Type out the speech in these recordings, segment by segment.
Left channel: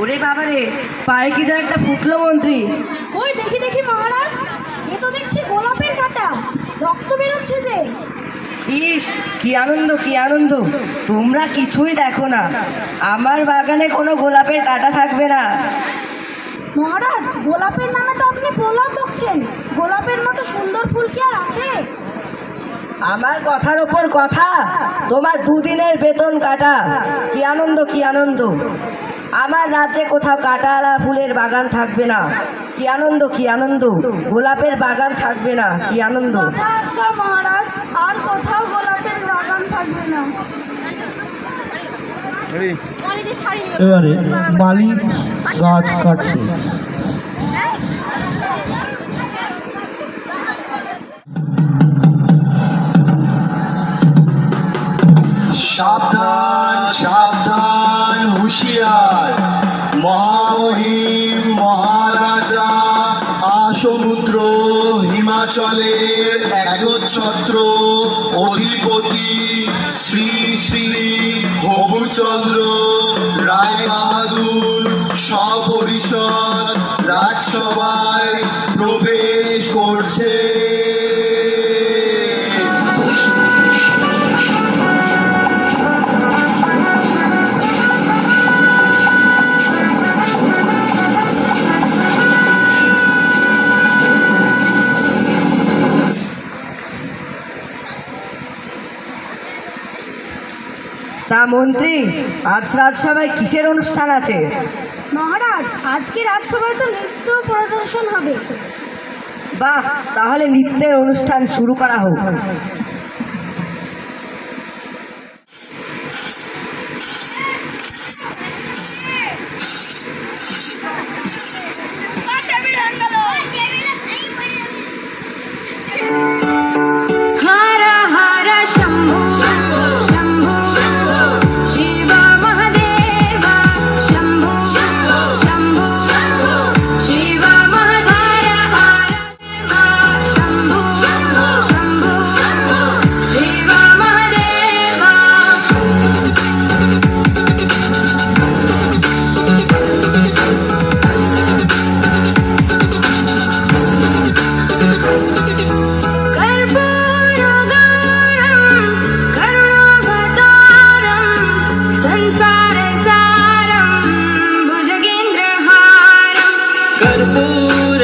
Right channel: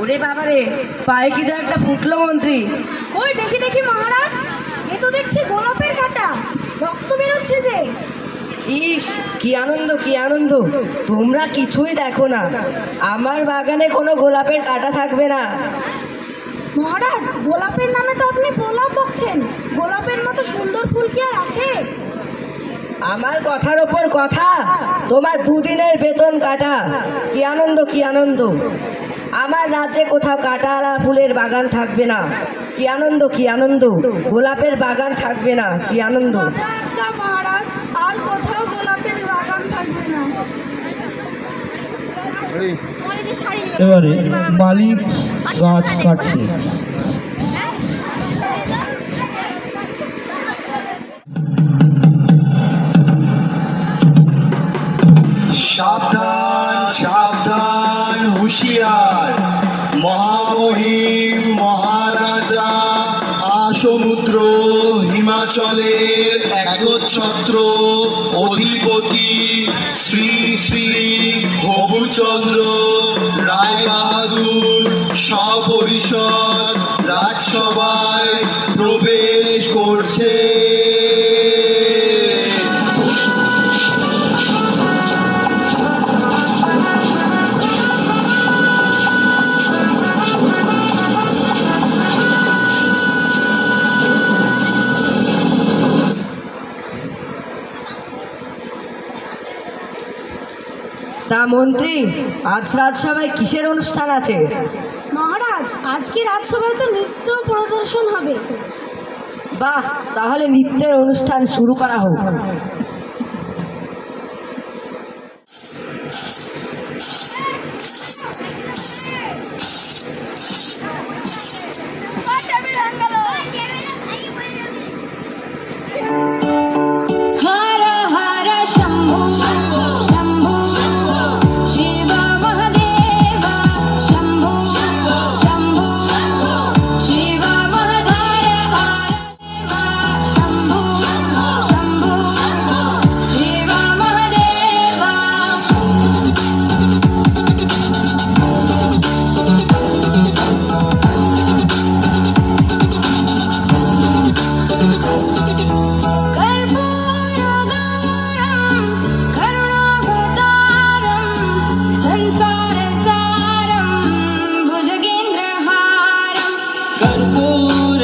ওরে বাবারে, পায়ে কি যেন একটা ফুটলো মন্ত্রী। ওই দেখি দেখি মহারাজ, এ তো দেখছি গোলাপের কাঁটা, রক্ত বেরোচ্ছে যে। ইস, কি আনন্দ কি আনন্দ! তোমরা কিছুই দেখো না, আমার বাগানে কোনো গোলাপের কাঁটা থাকবে না। মহারাজ, গোলাপের নামে তো আপনি প্রলাপ বকছেন। গোলাপের মতো সুন্দর ফুল কি আর আছে? আমার কথার ওপর কথা, তোমার দুদিনের বেতন কাটা। কি আনন্দ কি আনন্দ! আমার রাজ্যে কোথাও কাঁটাওয়ালা ফুলের বাগান থাকবে না। কি আনন্দ কি আনন্দ! গোলাপের বাগান থাকবে না, কি আনন্দ! কথা একটা মহারাজ, আর কোথাও গোলাপের বাগান থাকবে না। এবারে মালিক গাছ কাটছে। সাবধান সাবধান, হুঁশিয়ার! মহামহিম মহারাজা আসমুদ্র হিমাচলের একচ্ছত্র অধিপতি শ্রী শ্রী হবুচন্দ্র রায় বাহাদুর সপরিষদ রাজসভায় প্রবেশ করছে। তা মন্ত্রী, আজ রাজসভায় কিসের অনুষ্ঠান আছে? মহারাজ, আজকে রাজসভায় তো নৃত্য প্রদর্শন হবে। বাহ, তাহলে নৃত্যের অনুষ্ঠান শুরু করা হোক।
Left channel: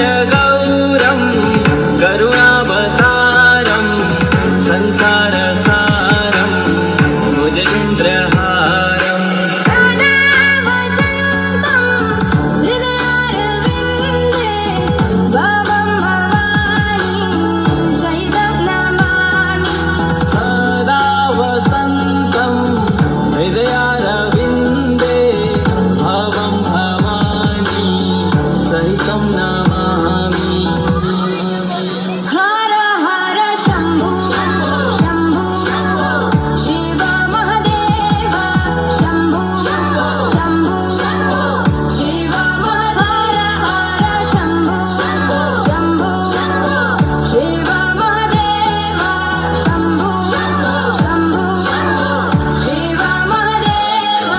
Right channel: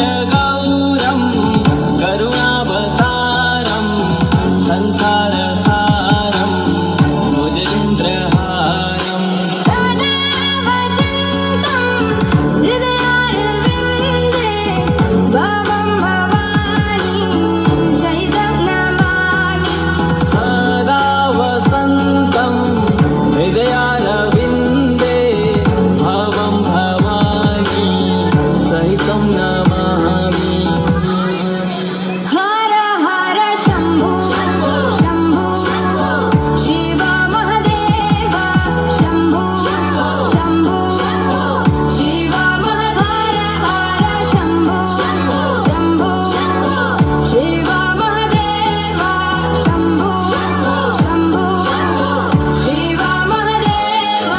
कर्पूरगौरं करुणावतारं संसारसारं भुजगेन्द्रहारं सदा वसन्तं हृदयारविन्दे भवं भवानी सहितं नमामि। सदा वसन्तं हृदयारविन्दे भवं भवानी सहितं नमामि। हर हर शम्भो शम्भो शिव महदेव शम्भो शम्भो शिव महधर हर शम्भो शम्भो शिव महदेव शम्भो शम्भो शिव महदेव।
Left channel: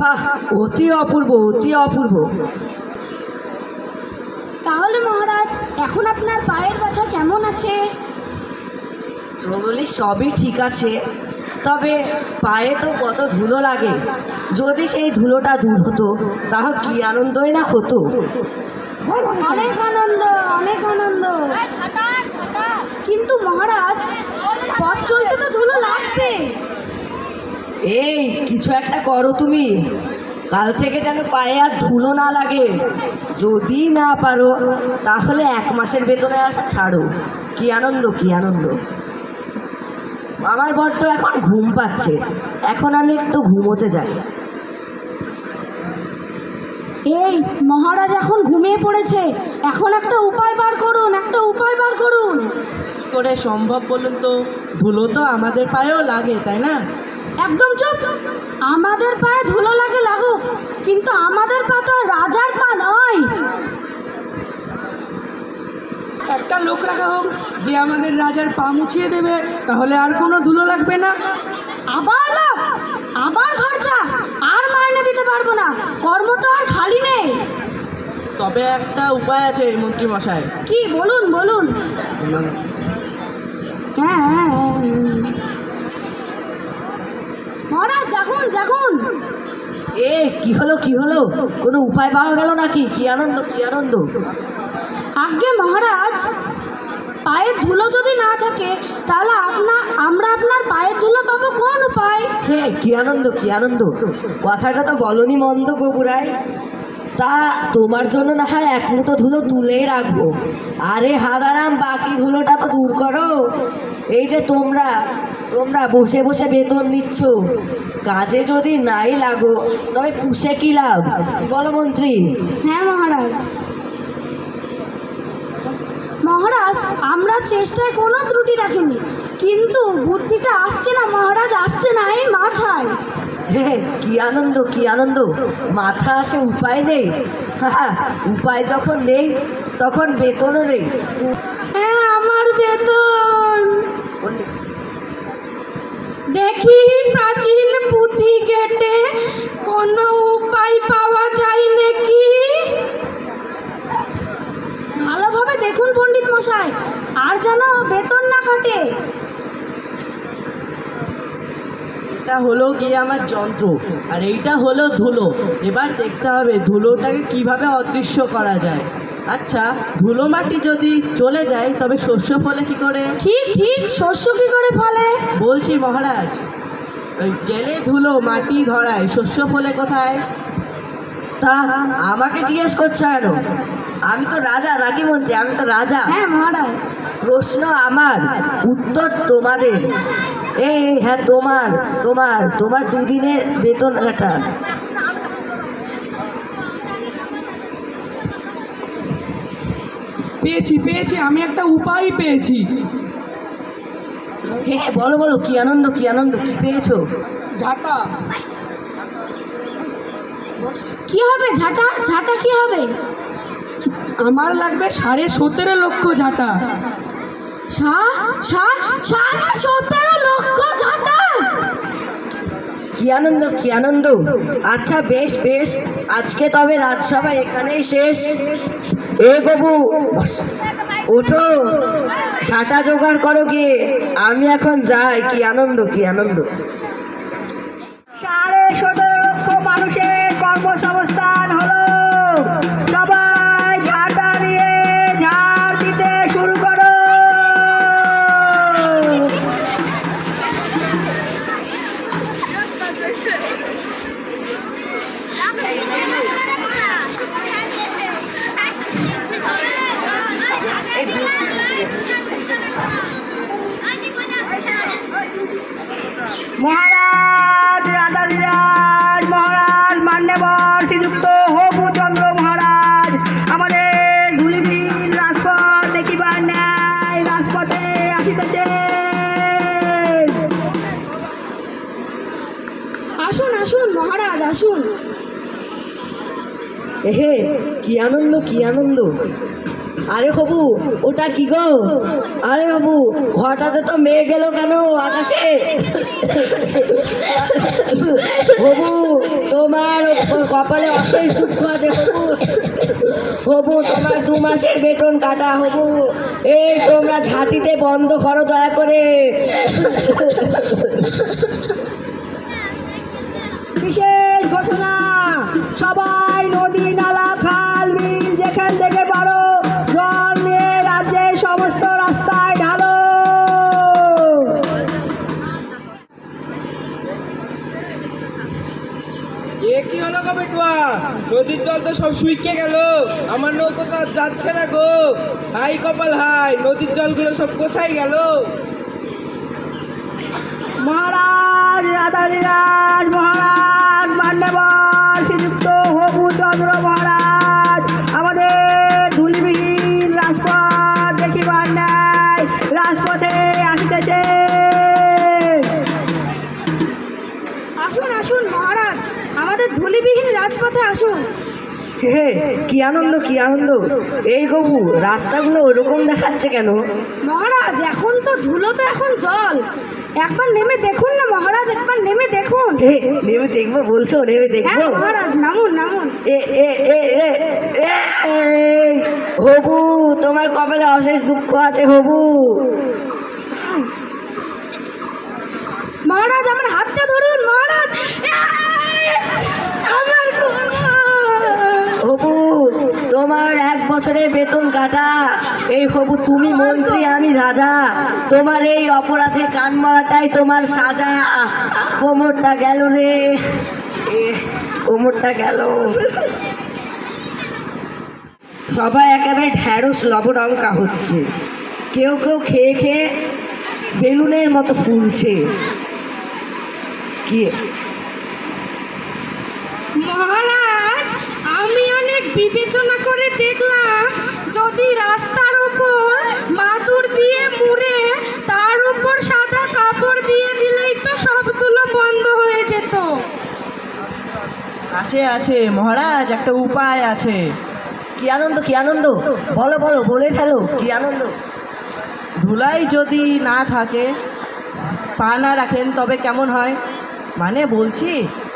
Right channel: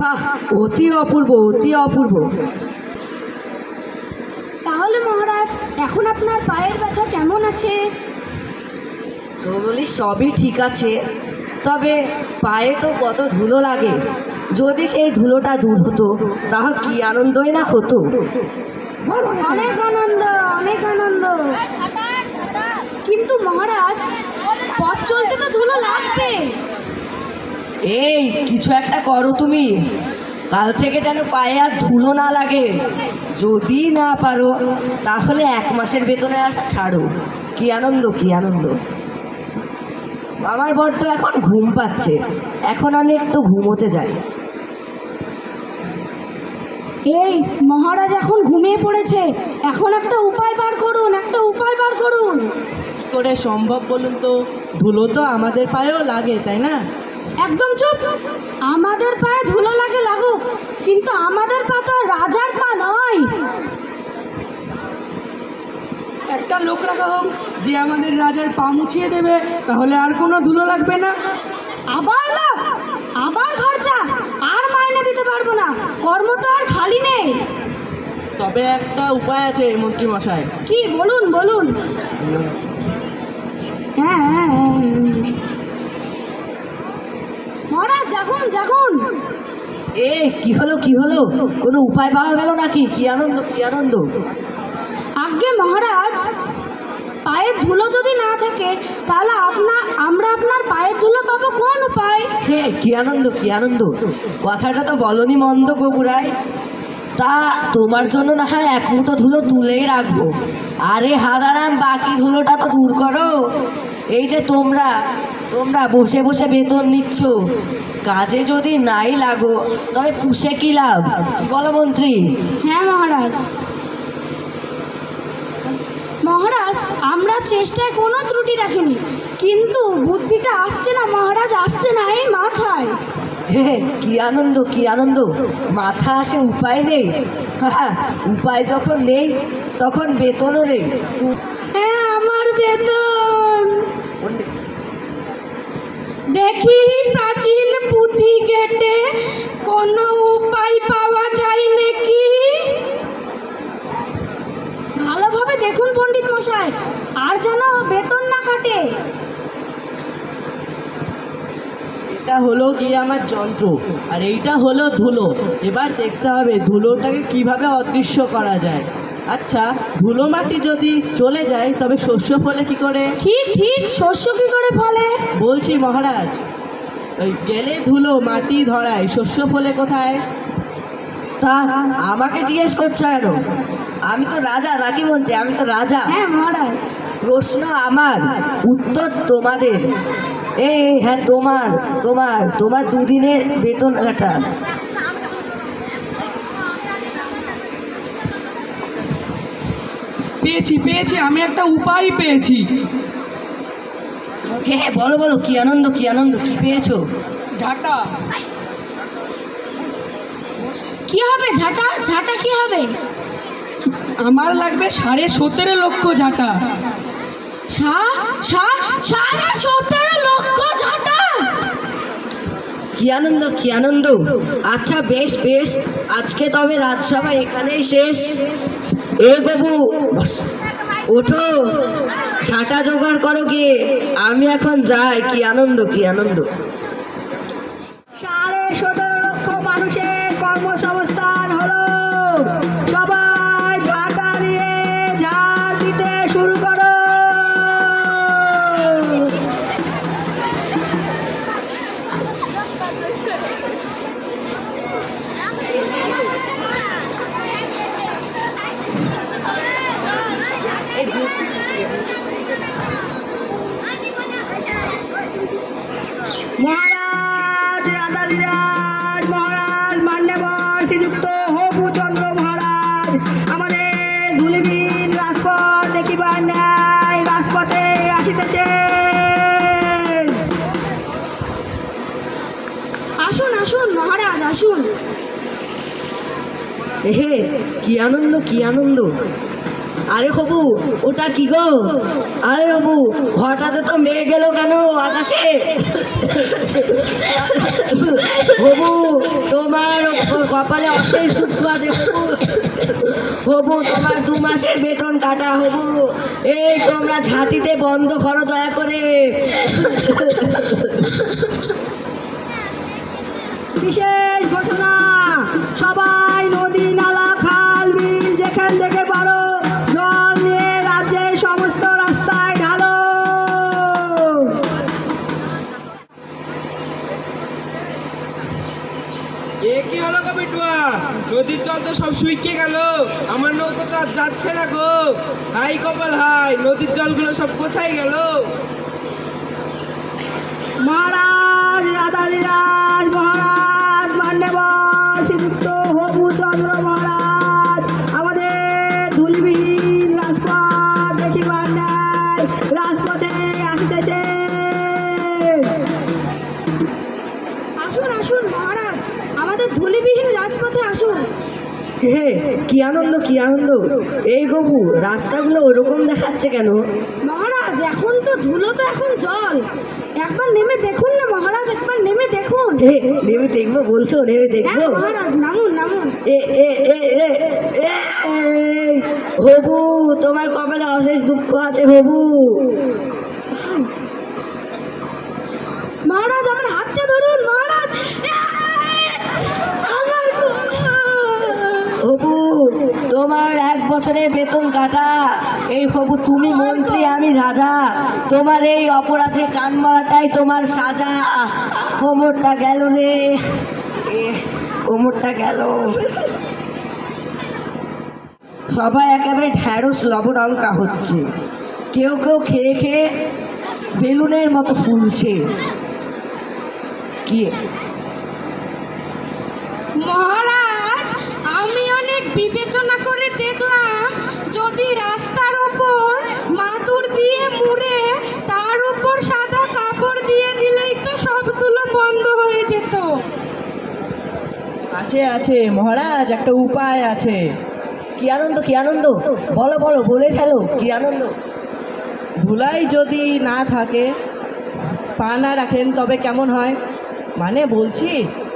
বাহ, অতি অপূর্ব অতি অপূর্ব! তাহলে মহারাজ, এখন আপনার পায়ের ব্যথা কেমন আছে? বলি সবই ঠিক আছে, তবে পায়ে তো কত ধুলো লাগে। যদি সেই ধুলোটা দূর হতো, তাহলে কি আনন্দই না হতো। অনেক আনন্দ অনেক আনন্দ। কিন্তু মহারাজ, পথ চলতে তো ধুলো লাগবে। এই, কিছু একটা করো তুমি, কাল থেকে যেন পায়ে আর ধুলো না লাগে। যদি না পারো, তাহলে 1 মাসের বেতনে আসা ছাড়ো। কি আনন্দ কি আনন্দ! আমার বড্ড এখন ঘুম পাচ্ছে, এখন আমি একটু ঘুমোতে যাই। এই মহারাজ এখন ঘুমিয়ে পড়েছে, এখন একটা উপায় বার করুন, একটা উপায় বার করুন। কি করে সম্ভব বলুন তো? ধুলো তো আমাদের পায়েও লাগে, তাই না? একদম চুপ! আমাদের পায়ে ধুলো লাগে লাগুক, কিন্তু আমাদের পা তো রাজার পা নয়। একটা লোক রাখা হোক যে আমাদের রাজার পা মুছিয়ে দেবে, তাহলে আর কোনো ধুলো লাগবে না। পারবো না, কর্ম তো আর খালি নেই। তবে একটা উপায় আছে মন্ত্রী মশাই। কি বলুন বলুন। হ্যাঁ হ্যাঁ, হ্যাঁ। মহারাজ যখন যখন এ কি হলো কি হলো, কোনো উপায় পাওয়া গেল নাকি? কি আনন্দ কি আনন্দ। আজ্ঞে মহারাজ, পায়ের ধুলো যদি না থাকে তাহলে আমরা আপনার পায়ের ধুলো পাবো কোন উপায়? হে কি আনন্দ কি আনন্দ, কথাটা তো বলনি মন্দ গোগুরাই। তা তোমার জন্য না হয় এক মুঠো ধুলো তুলেই রাখবো। আরে হাদারাম, বাকি ধুলোটা তো দূর করো। এই যে তোমরা তোমরা বসে বসে বেতন নিচ্ছ, কাজে যদি নাই লাগো তবে পুষে কি লাভ? কি বলো মন্ত্রী? হ্যাঁ মহারাজ। মহারাজ, আমরা চেষ্টায় কোনো ত্রুটি রাখিনি, কিন্তু বুদ্ধিটা আসছে না মহারাজ, আসছে না এই মাথায়। হে কি আনন্দ কি আনন্দ, মাথা আছে উপায় নেই। উপায় যখন নেই তখন বেতনও নেই। হ্যাঁ, আমার বেতন। দেখি প্রাচীন পুঁথি কেটে কোনো উপায় পাওয়া যায় নাকি। ভালোভাবে দেখুন পণ্ডিত মশাই, আর যেন বেতন না কাটে। এটা হলো গিয়ে আমার যন্ত্র, আর এইটা হলো ধুলো। এবার দেখতে হবে ধুলোটাকে কিভাবে অদৃশ্য করা যায়। আচ্ছা, ধুলো মাটি যদি চলে যায় তবে শস্য ফলে কি করে? ঠিক ঠিক, শস্য কি করে ফলে? বলছি মহারাজ, ওই গেলে ধুলো মাটি ধরায়, শস্য ফলে কোথায়? তা আমাকে জিজ্ঞেস করছো কেন? আমি তো রাজা নাকি মন্ত্রী? আমি তো রাজা। হ্যাঁ মহারাজ। প্রশ্ন আমার, উত্তর তোমাদের। এই হ্যাঁ, তোমার তোমার তোমার দুদিনের বেতন কাটা। পেয়েছি পেয়েছি, আমি একটা উপায় পেয়েছি। হ্যাঁ বলো বলো, কি আনন্দ কি আনন্দ, কি পেয়েছো? ঝাঁটা। কি হবে ঝাঁটা? ঝাঁটা কি হবে? আমার লাগবে 17.5 লক্ষ ঝাঁটা। 17.5 লক্ষ ঝাঁটা? কি আনন্দ কি আনন্দ। আচ্ছা বেশ বেশ, আজকে তবে রাজসভা এখানেই শেষ। এ বাবু ওঠো, ঝাঁটা জোগাড় করো গিয়ে, আমি এখন যাই। কি আনন্দ কি আনন্দ। 17.5 লক্ষ মানুষের কর্মসংস্থান হলো। সবাই ঝাঁটা নিয়ে ঝাড় দিতে শুরু করো। মহারাজ রাধাধিরাজ মহারাজ মান্যবর শ্রীযুক্ত হবুচন্দ্র মহারাজ আমাদের ধুলিবিহীন রাজপথ দেখিবার ন্যায় রাজপথে আসিতেছে। আসুন আসুন মহারাজ আসুন। হে কি আনন্দ কি আনন্দ। আরে হবু, ওটা কি গো? আরে হবু, হঠাৎ তো মেয়ে গেল কেন আকাশে? হবু, তোমার কপালে অশেষ দুঃখ আছে হবু। হবু, তোমার 2 মাসের বেতন কাটা হবু। এই তোমরা ঝাঁটিতে বন্ধ করো দয়া করে। বিশেষ ঘটনা, সবাই নদী নালা খাল বিল যেখান থেকে পারো জল নিয়ে রাজ্যের সমস্ত রাস্তায় ঢালো। এ কি হলো গো বিটুয়া? নদীর জল তো সব শুকিয়ে গেল, আমার নৌকো তো আর যাচ্ছে না গো। হাই কপাল হাই, নদীর জলগুলো সব কোথায় গেল? মহারাজ রাধাধিরাজ মহারাজ মান্যবর শ্রীযুক্ত হবুচন্দ্র মহারাজ আমাদের ধুলিবিহীন রাজপথ দেখিবার ন্যায় রাজপথে আসিতেছে। আসুন আসুন মহারাজ, আমাদের ধুলিবিহীন রাজপথে আসুন। হে কি আনন্দ কি আনন্দ। এই গবু, রাস্তাগুলো ওরকম দেখাচ্ছে কেন? মহারাজ, মহারাজ, এখন তো ধুলো তো এখন জল, একবার নেমে দেখুন না মহারাজ, একবার নেমে দেখুন। নেমে দেখবো বলছো? নেমে হ্যাঁ দেখবো? মহারাজ, নামুন নামুন। এ এ এ এ এ, হবু, তোমার কপালে অশেষ দুঃখ আছে হবু। মহারাজ আমার হাতটা ধরুন মহারাজ। আমার হবু, তোমার 1 বছরের বেতন কাটা। এই হবু, তুমি মন্ত্রী আমি রাজা, তোমার এই অপরাধে কান মারাটাই তোমার সাজা। কোমরটা গেল রে, কোমরটা গেল। সবাই একেবারে ঢ্যাঁড়স লবডঙ্কা হচ্ছে, কেউ কেউ খেয়ে খেয়ে বেলুনের মতো ফুলছে। কি মহারাজ, আমি অনেক বিবেচনা করে দেখলাম, যদি রাস্তার ওপর মাদুর দিয়ে মুড়ে তার উপর সাদা কাপড় দিয়ে দিলেই তো সব তুলো বন্ধ হয়ে যেত। আছে আছে মহারাজ, একটা উপায় আছে। কি আনন্দ, কি আনন্দ, বলো বলো, বলে ফেলো, কি আনন্দ? ধুলাই যদি না থাকে, পা না রাখেন, তবে কেমন হয়? মানে বলছি,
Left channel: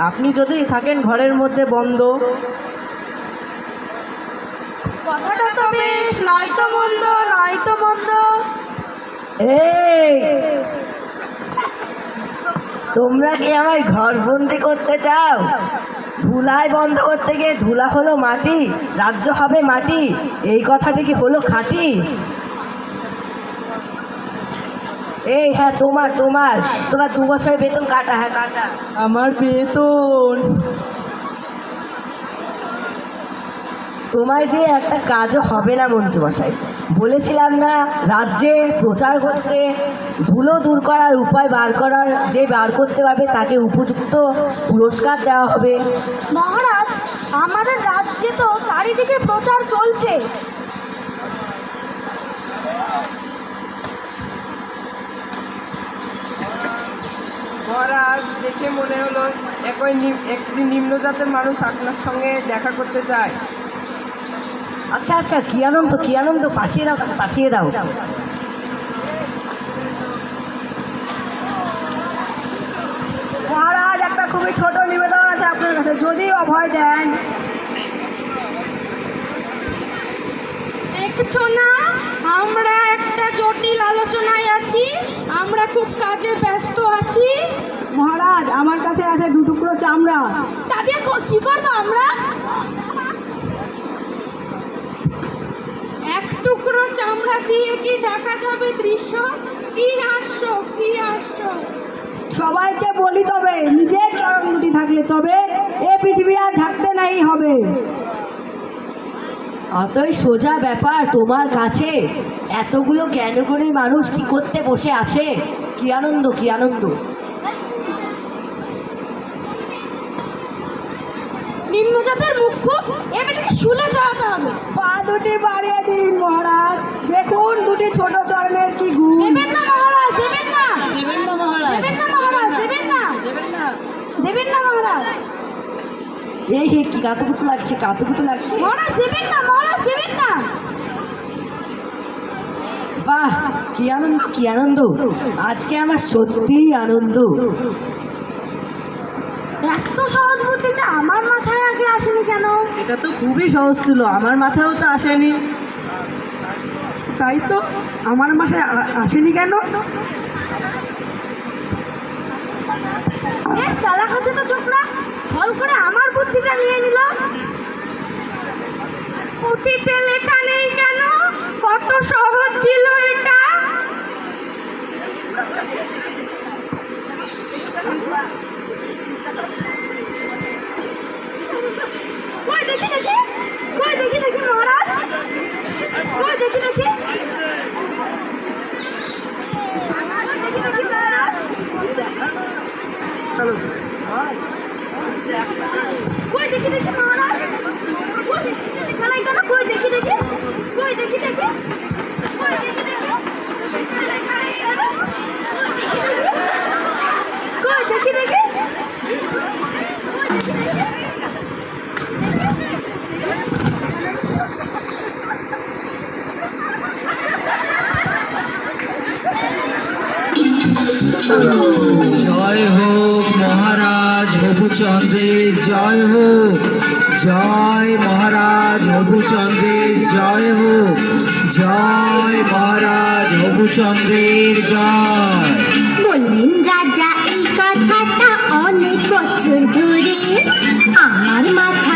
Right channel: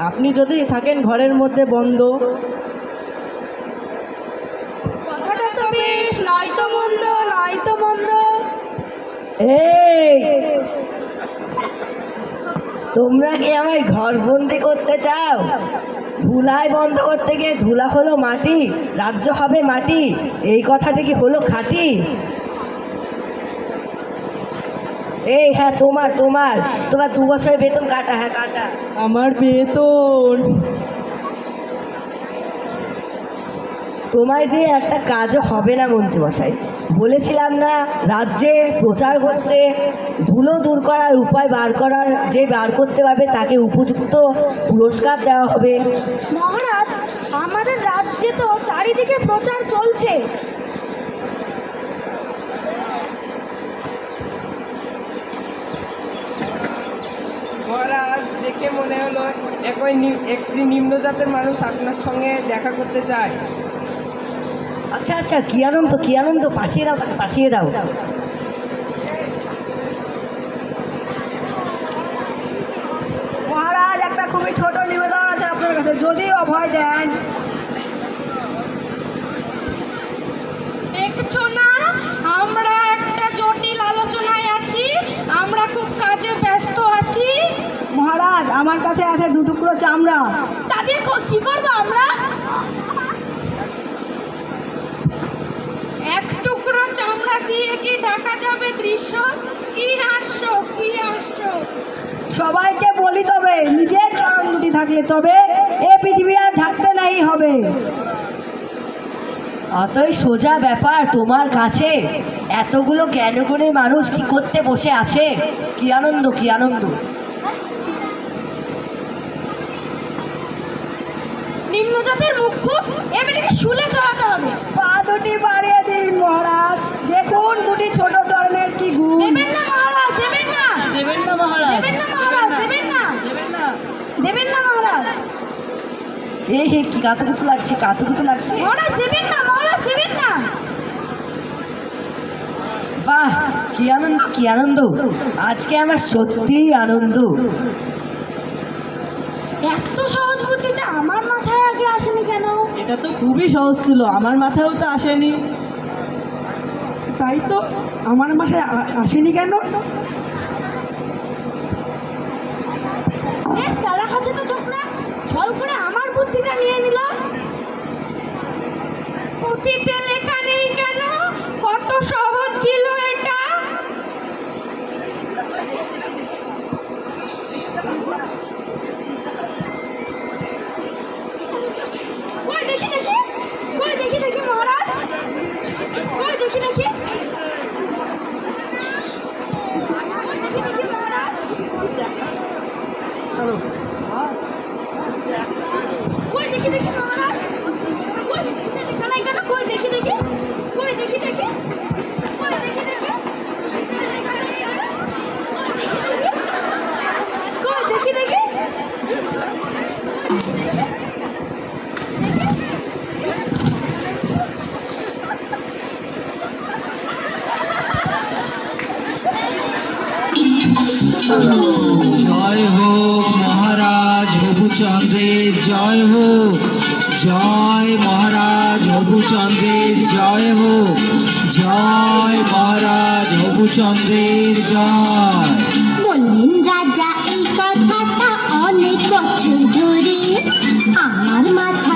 আপনি যদি থাকেন ঘরের মধ্যে বন্ধ। কথাটা তো বেশ, নয়তো মন্দ, নয়তো মন্দ। এই, তোমরা কি আমায় ঘর বন্দি করতে চাও? ধুলাই বন্ধ করতে গিয়ে ধুলা হলো মাটি, রাজ্য হবে মাটি, এই কথাটা কি হলো খাঁটি? এই হ্যাঁ, তোমার তোমার তোমার 2 বছরের বেতন কাটা। হ্যাঁ কাটা। আমার বেতন তোমায় দিয়ে একটা কাজও হবে না মন্ত্রীমশাই। বলেছিলাম না রাজ্যে প্রচার করতে, ধুলো দূর করার উপায় বার করতে পারবে তাকে উপযুক্ত পুরস্কার দেওয়া হবে। মহারাজ, আমাদের রাজ্যে তো চারিদিকে প্রচার চলছে। মহারাজ, দেখে মনে হলো একটি নিম্ন জাতের মানুষ আপনার সঙ্গে দেখা করতে চায়। আচ্ছা আচ্ছা, কি আনন্দ, কি আনন্দ, পাঠিয়ে দাও তাকে, পাঠিয়ে দাও। মহারাজ, একটা খুবই ছোট নিবেদন আছে আপনার কাছে, যদি অভয় দেন। দেখছো না, আমরা একটা জটিল আলোচনায় আছি, আমরা খুব কাজে ব্যস্ত আছি। মহারাজ, আমার কাছে আছে 2 টুকরো চামড়া। তা দিয়ে কি করবো আমরা? 1 টুকরো চামড়া দিয়ে কি ঢাকা যাবে দৃশ্য? কি হাস্য, কি হাস্য! সবাইকে বলি তবে, নিজের চরণ দুটি থাকলে তবে এ পৃথিবী আর ঢাকতে নাই হবে। অতই সোজা ব্যাপার তোমার কাছে, এতগুলো জ্ঞানগুণী মানুষ কি করতে বসে আছে? কি আনন্দ, কি আনন্দ। নিম্নজাতের মুখ্য এবারে শুলে চড়াতে হবে। পা দুটি বাড়িয়ে দিন মহারাজ, দেখুন 2টি ছোট চরণের কি গুণ। দেবেন না মহারাজ, দেবেন না, দেবেন না মহারাজ, দেবেন না মহারাজ, দেবেন না, দেবেন না। দেবেন না মহারাজ। এই হে, কি কাতুকুতু লাগছে, কাতুকুতু লাগছে। মহারাজ দেবেন না, মহারাজ দেবেন না। বাহ, কি আনন্দ, কি আনন্দ, আজকে আমার সত্যিই আনন্দ। এত সহজ বুদ্ধিটা আমার মাথায় আগে আসেনি কেন? এটা তো খুবই সহজ ছিল, আমার মাথায়ও তো আসেনি। তাই তো, আমার মাথায় আসেনি কেন? বেশ চালাক আছে তো ছোকরা, ছল করে আমার বুদ্ধিটা নিয়ে নিল। পুঁথিতে লেখা নেই কেন? কত সহজ ছিল এটা। কই দেখি দেখি, কই দেখি দেখি মহারাজ, কই দেখি দেখি, দেখি দেখি মহারাজ, কই দেখি দেখি মহারাজ, কই দেখি লেখা নাই কেন? কই দেখি দেখি, কই দেখি দেখি, কই দেখি দেখি, লেখা নাই কেন? কই দেখি দেখি, কই দেখি দেখি, হবুচন্দ্রের জয় হোক, জয় মহারাজ হবুচন্দ্রের জয় হোক, জয় মহারাজ হবুচন্দ্রের জয়। বললেন রাজা এই কথাটা অনেক বছর ধরে, আমার মাথা